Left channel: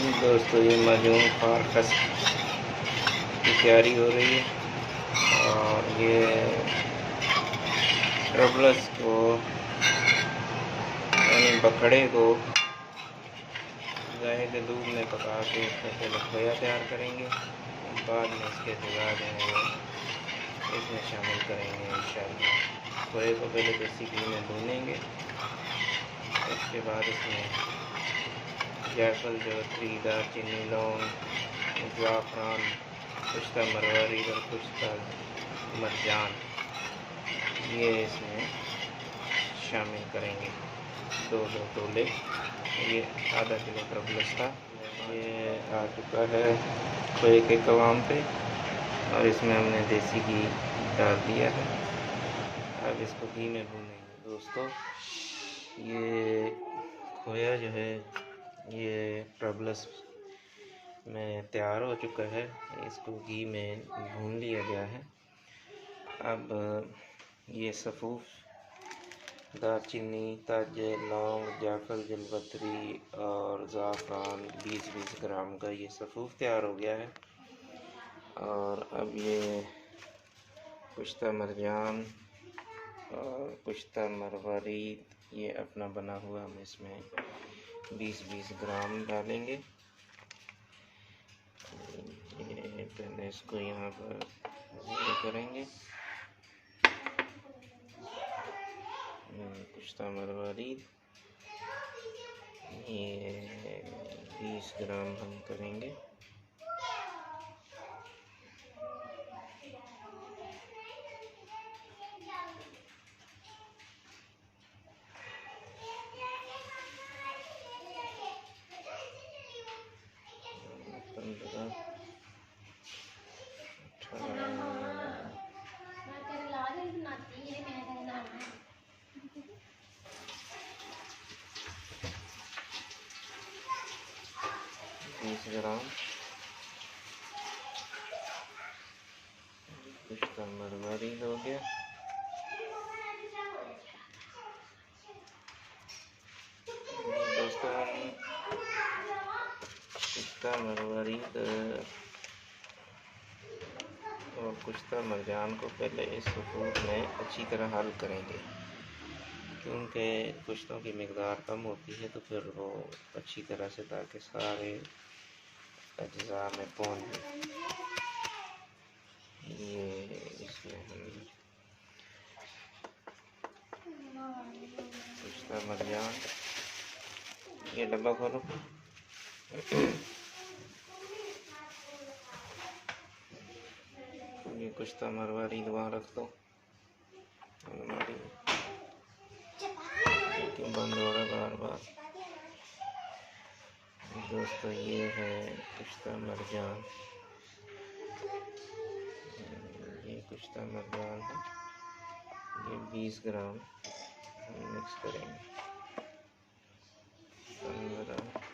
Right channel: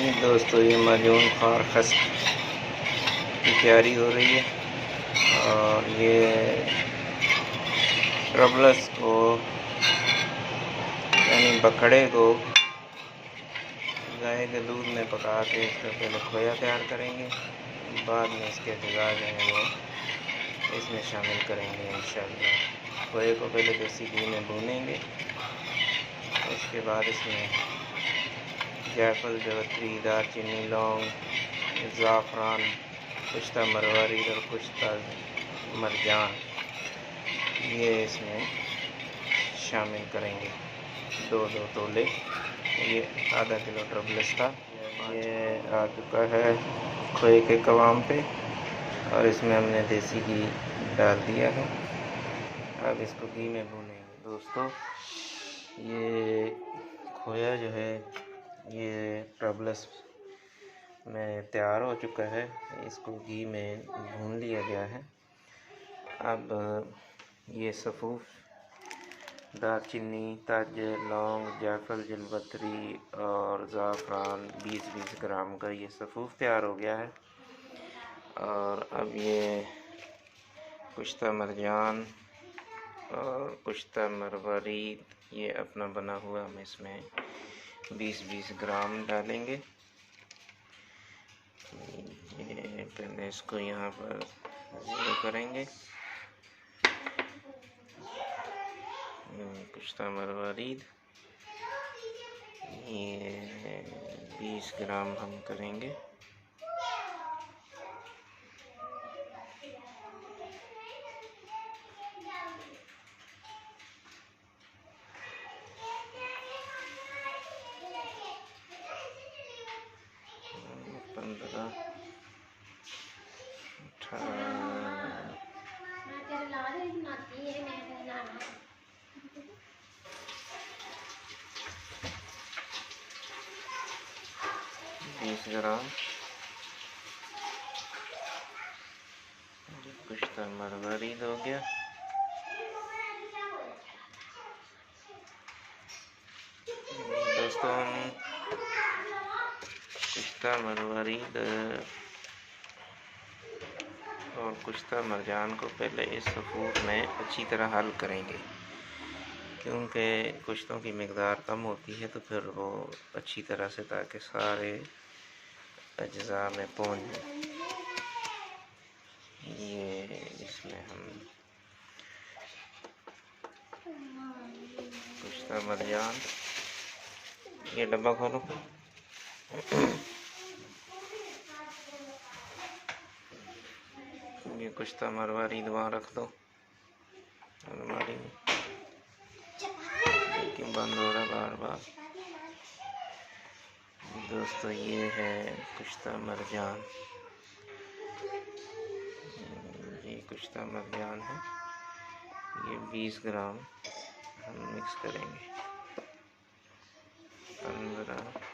दोस्तों ये माजून खार खस की तैयारी हो रही है और ये ट्रबलस को यानी बकड़े को गाय के दूध में पका के इसका पहले खोया तैयार करेंगे, बाद में इसके अज़ा जो हैं वो इसमें शामिल करेंगे इंशाअल्लाह। खोए को पहले देसी घी में भूनेंगे, उसके बाद इसमें जायफल, जवित्री, दालचीनी, लौंग, ज़ाफ़रान, कुश्ता मरवारी और कुश्ता मरजान ये इसमें शामिल करेंगे। दो तोले, ये आधा किलो ट्रबलस था। ये आ चुका है खोए के कवाम पे और इसमें हमने देसी घी डाल दिया है। अब इसको घी में भूनेंगे। दोस्तों ये खोया जो है ये ट्रबलस में तैयार हो चुका है, इसको घी में भून लिया गया है। अब ये सफ़ूफ, दालचीनी, ताजे, लौंग, जायफल, जलपत्री और ज़ाफ़रान 20-20 ग्राम का ये सफ़ूफ तैयार हो गया है। और अब ये कुश्ता मरजान और कुश्ता मरवारीद ये अपना बना हुआ हम इसमें 20-20 ग्राम डालेंगे। ये पहले इसको यहाँ पर ज़ीरो करेंगे। कुश्ता मरवारीद ये 20 ग्राम हम करेंगे। ग्राम कुश्ता मरवारीद हो गया। दोस्तों हम कुश्ता मरवारीद और कुश्ता मरजान को पहले इस सफ़ूफ में अच्छी तरह हल करेंगे, क्योंकि कुश्तों की मकदार कम होती है तो फिर वो अच्छी तरह से ताकि सारे अज्जा में पहुँच जाए। ये इसमें हम कुश्ता मरजान, ये डब्बा खोलो, ये कुश्ता मरवारीद वहाँ रख दो अलमारी में, लेकिन बंद हो रहा बार बार। दोस्तों ये है कुश्ता मरजान, ये कुश्ता मरजान है, ये 20 ग्राम हम मिक्स करेंगे। 15